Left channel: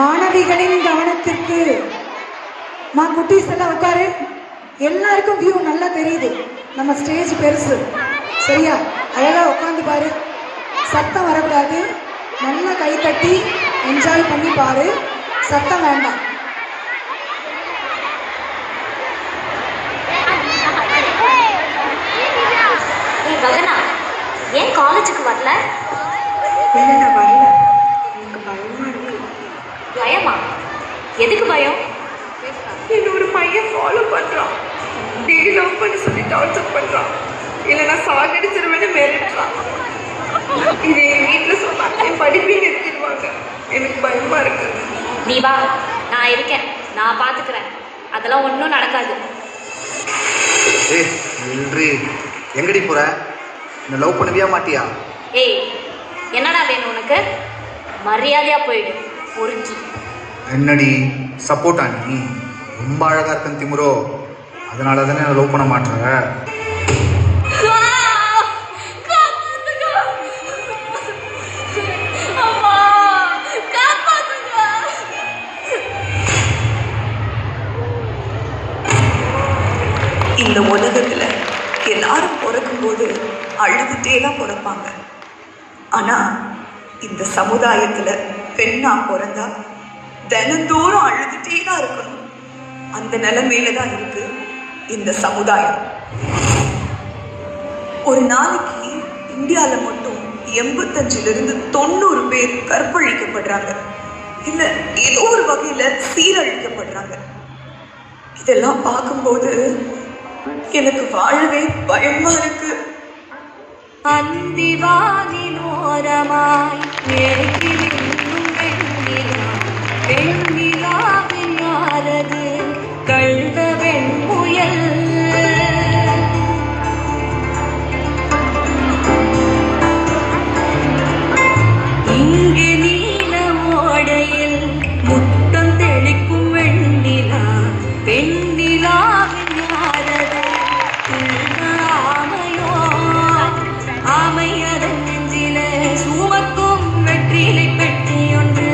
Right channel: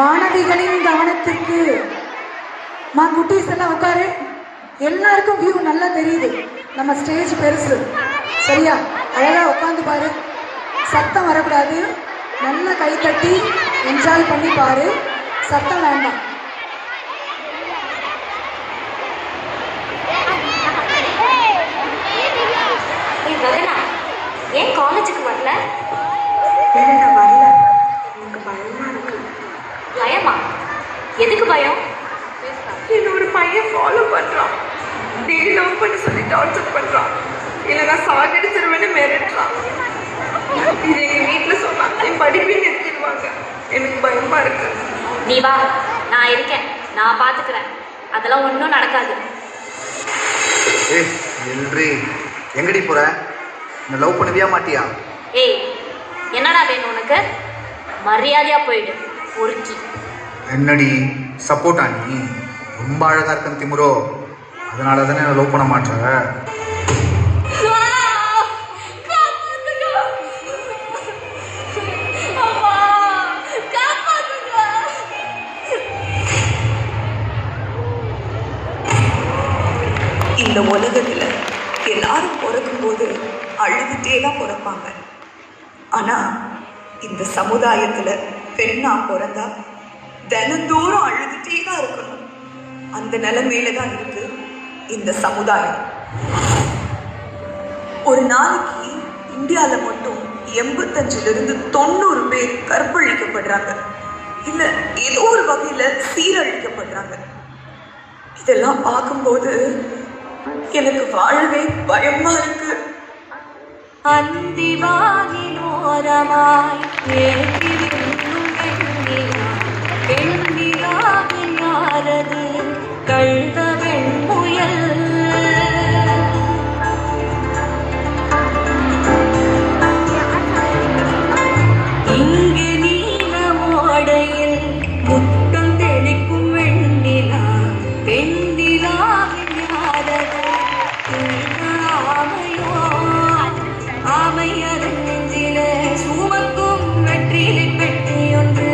மாணவிகளின் கவனத்திற்கு. குட்டீஸ் எல்லாம் உட்காரு. எல்லாருக்கும் வியூ நல்லா தெரியுது. நம்ம ஸ்டேஜ் பெருசு, சரியா? அழகா உட்காந்து பாரு. சத்தம் வரக்கூடாது. நல்லா கை தட்டி என்ஜாய் பண்ணி பாரு. சத்தம் வேண்டாம். ஏன் காலேஜுக்கு வரல? பயமா? எதுக்கு பயம்? என்னோட பையன் ஃபாலோ பண்றான். டெய்லி லவ் பண்ணி சொல்லி டார்ச்சர் பண்றான். இல்லைன்னா சாகடிச்சிருவேன்னு மிரட்டுறான். இது எங்க வீட்டில் சொன்னா என் படிப்பை நிறுத்திடுவாங்க. எனக்கு பயமா இருக்கு. நீ வா, நான் இருக்கேன், நான் பார்த்துக்கிறேன். அதெல்லாம் ஒன்றும் நடக்காது. எங்கடி போற? லவ் பண்ணுவியா மாட்டியா? ஏய், என்னடா வேணும் உனக்கு? மரியாதையா போயிடு பொறுக்கி. என்னடி சப்போர்ட்டா? நீ ரொம்ப அழகா இருக்கும் திமுறோ, அதனால தானே லவ் பண்ண மாட்டேன். இந்த உலகத்துல எல்லாரும் பிறக்கும்போது அழுதுட்டே தான் பிறப்பாங்க. ஆனா இந்த சமுதாயத்துல பெண்ணா பிறந்தா தினந்தோறும் அழுதுட்டே தான் இருக்கணும். அந்த நிலைமையில தான் இருக்கு இந்த சமுதாயம். ஒரு நாளைக்கு இந்தியால மட்டும் 85 to 90 பேர் கற்பழிக்கப்படுறாங்க, இல்ல ஏதோ ஒரு வகையில சீரழிக்கப்படுறாங்க. இதெல்லாம் பார்க்கும்போது எனக்கு வாழவே பயமா இருக்கு. அந்திவானிலோரமாய் பெண்ணிலாவின் யாரது கழுத வெண்முயல். இங்கு நீல ஓடையில் முத்தம் தெளிக்கும் வெண்ணிலா பெண்ணிலாவின் யாரது ஆமையோ ஆமையதன் நெஞ்சில சுமக்கும் வெற்றிலை பெட்டி ஒன்று.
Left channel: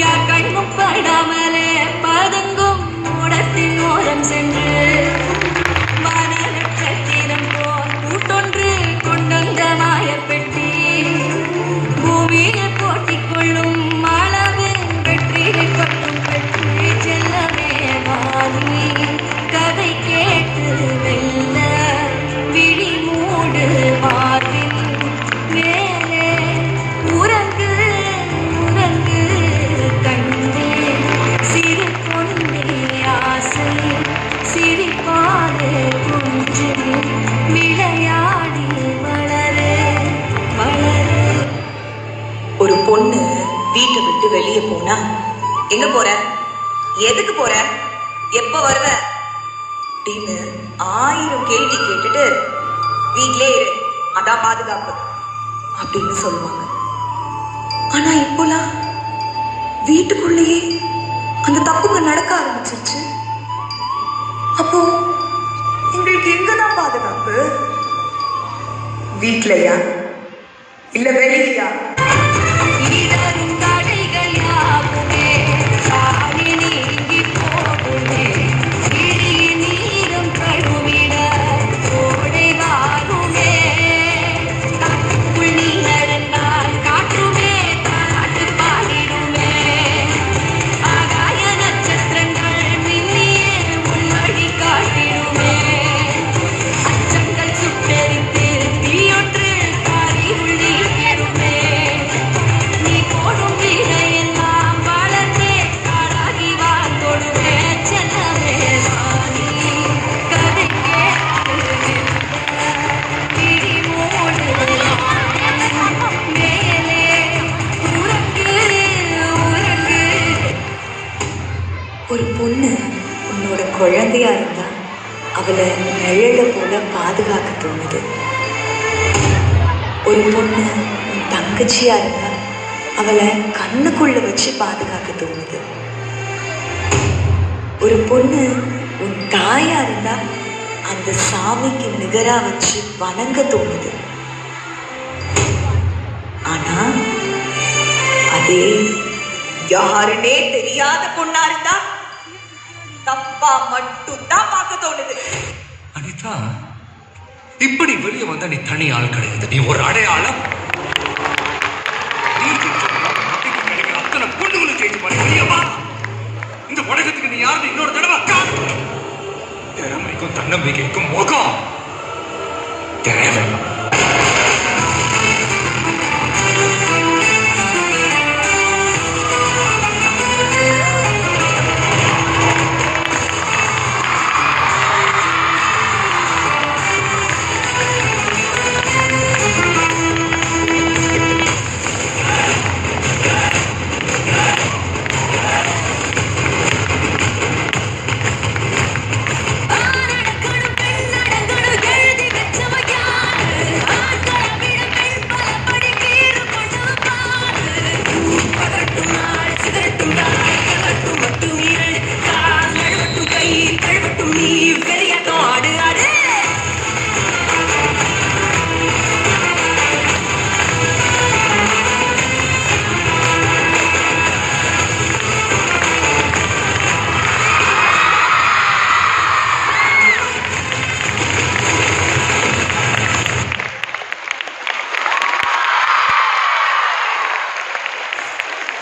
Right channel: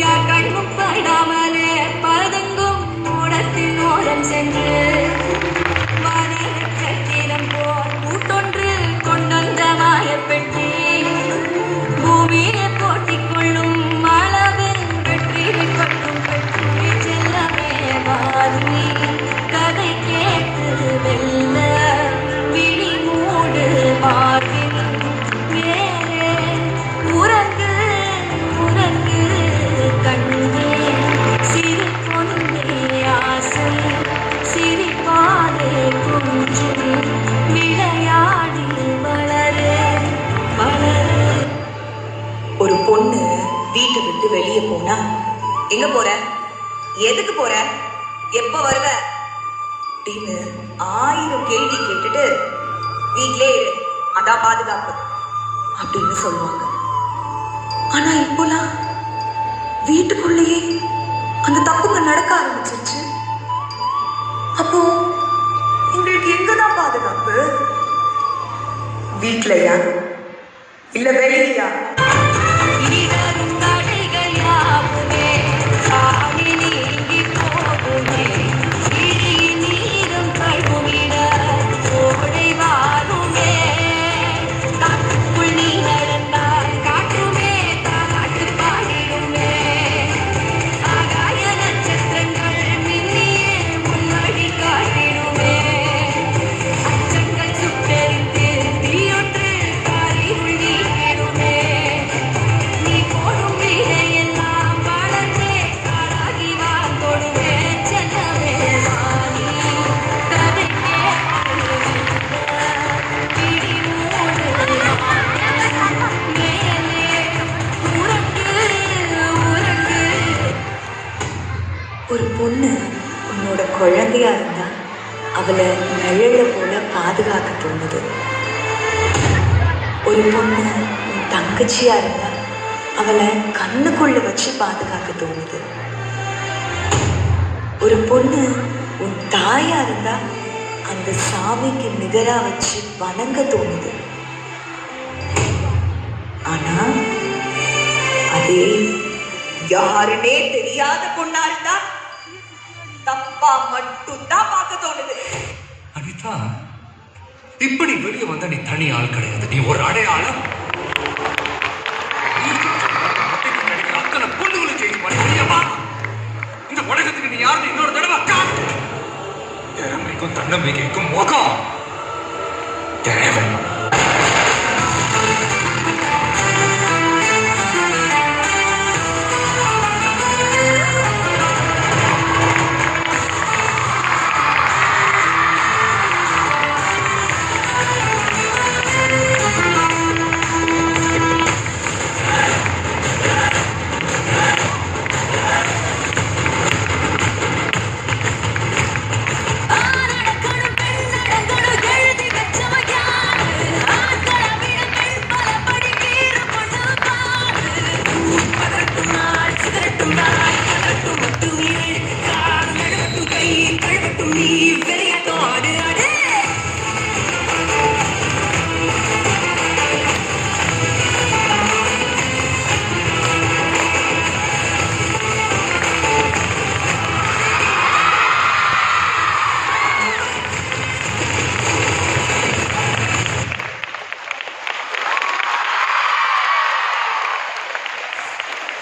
யார் கண்ணும் படாமலே பதுங்கும் ஓடத்தின் ஓரம் சென்று மனநட்சத்திரம் போல் கூட்டொன்று கொண்டந்த மாயப்பெட்டி பூமியில போட்டிக் கொள்ளும் அளவில் வெற்றிலை கொட்டும் பெட்டி. செல்லவே வாரி கதை கேட்டு வெல்ல விழி மூடு மாறி மேலே உறங்கு உறங்கு கண்டு சிறு பொண்ணே ஆசை சிரிப்பாடு குஞ்சு விளையாடி வளரு வளரு. ஒரு பொண்ணு வீட்டை விட்டு வெளியே போனா, எங்க போற, எதுக்கு போற, எப்ப வருவ அப்படின்னு 1000 கேள்வி கேட்டுட்டு வீட்டிலே இரு, அதான் பாதுகாப்பு அப்படின்னு சொல்லுவாங்க. ஆனா இப்போலாம் வீட்டுக்குள்ளேயே அந்த தப்புங்க நடக்க ஆரம்பிச்சிருச்சு. அப்போ உங்களுக்கு எங்கதான் பாதுகாப்பு? வீட்லயா இல்ல வெளியா? இடரும் தடைகள் யாவுமே சாமி நீங்கி போகுமே. விழிய நீரும் கழுவிட ஓடை வாருமே. காற்றுக்குள் நீ நடந்தால் காற்றுமே தாராட்டு பாடிடுமே. ஆகாய நட்சத்திரங்கள் மின்னியே முன்னடி காட்டிடுமே. அச்சங்கள் சுட்டெரித்து தீயொன்று பாரி உள்ளி பெறுமே. நீ போடும் வீடையெல்லாம் வளர்ந்தே ஆளாகி வாழ்ந்தோடுமே. செல்லவே வாணி கதை கேட்டு பிடி மூடு மேலே உறங்கு உறங்கு. ஒரு பொண்ணு உன்னோட குழந்தையா இருந்தா அவளை நிழல போல பாதுகாக்க தோணுது. ஒரு பொண்ணு உன் தங்கச்சியா இருந்தா அவளை கண்ணுக்குள்ள வச்சு பாதுகாக்க தோணுது. ஒரு பொண்ணு உன் தாயா இருந்தா அந்த சாமிக்கு நிகரா வச்சு வணங்க தோணுது. ஆனா அதே யாருன்னே தெரியாத பொண்ணா இருந்தா தப்பா மட்டும் தான் பார்க்க தோணுது. அனிதா, இப்படி வெளியே வந்தா நீ தனி ஆள் கிடையாது, நீ ஒரு அடையாளம். நீ கிடைக்கிற அத்தனை பொண்ணுகளை செய்து பாருங்க. இந்த உலகத்துக்கு நீ யாருன்னு இன்னொரு தடவை திறமைக்கும் தன்னம்பிக்கைக்கும் முகம் தேவை.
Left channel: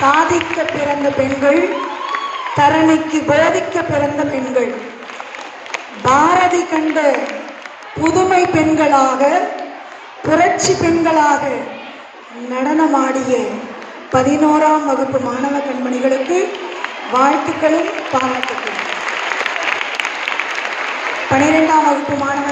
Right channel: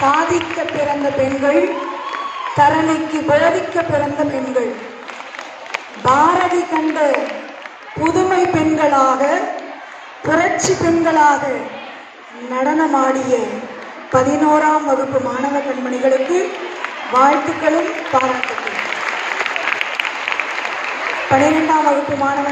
சாதிக்க பிறந்த பெண்கள், தரணிக்கு போதிக்க பிறந்த பெண்கள். பாரதி கண்ட புதுமை பெண்களாக, புரட்சி பெண்களாக நடனமாடிய 11ஆம் வகுப்பு மாணவ கண்மணிகளுக்கு வாழ்த்துக்களும் பாராட்டுக்களும். 12ஆம் வகுப்பு மாணவ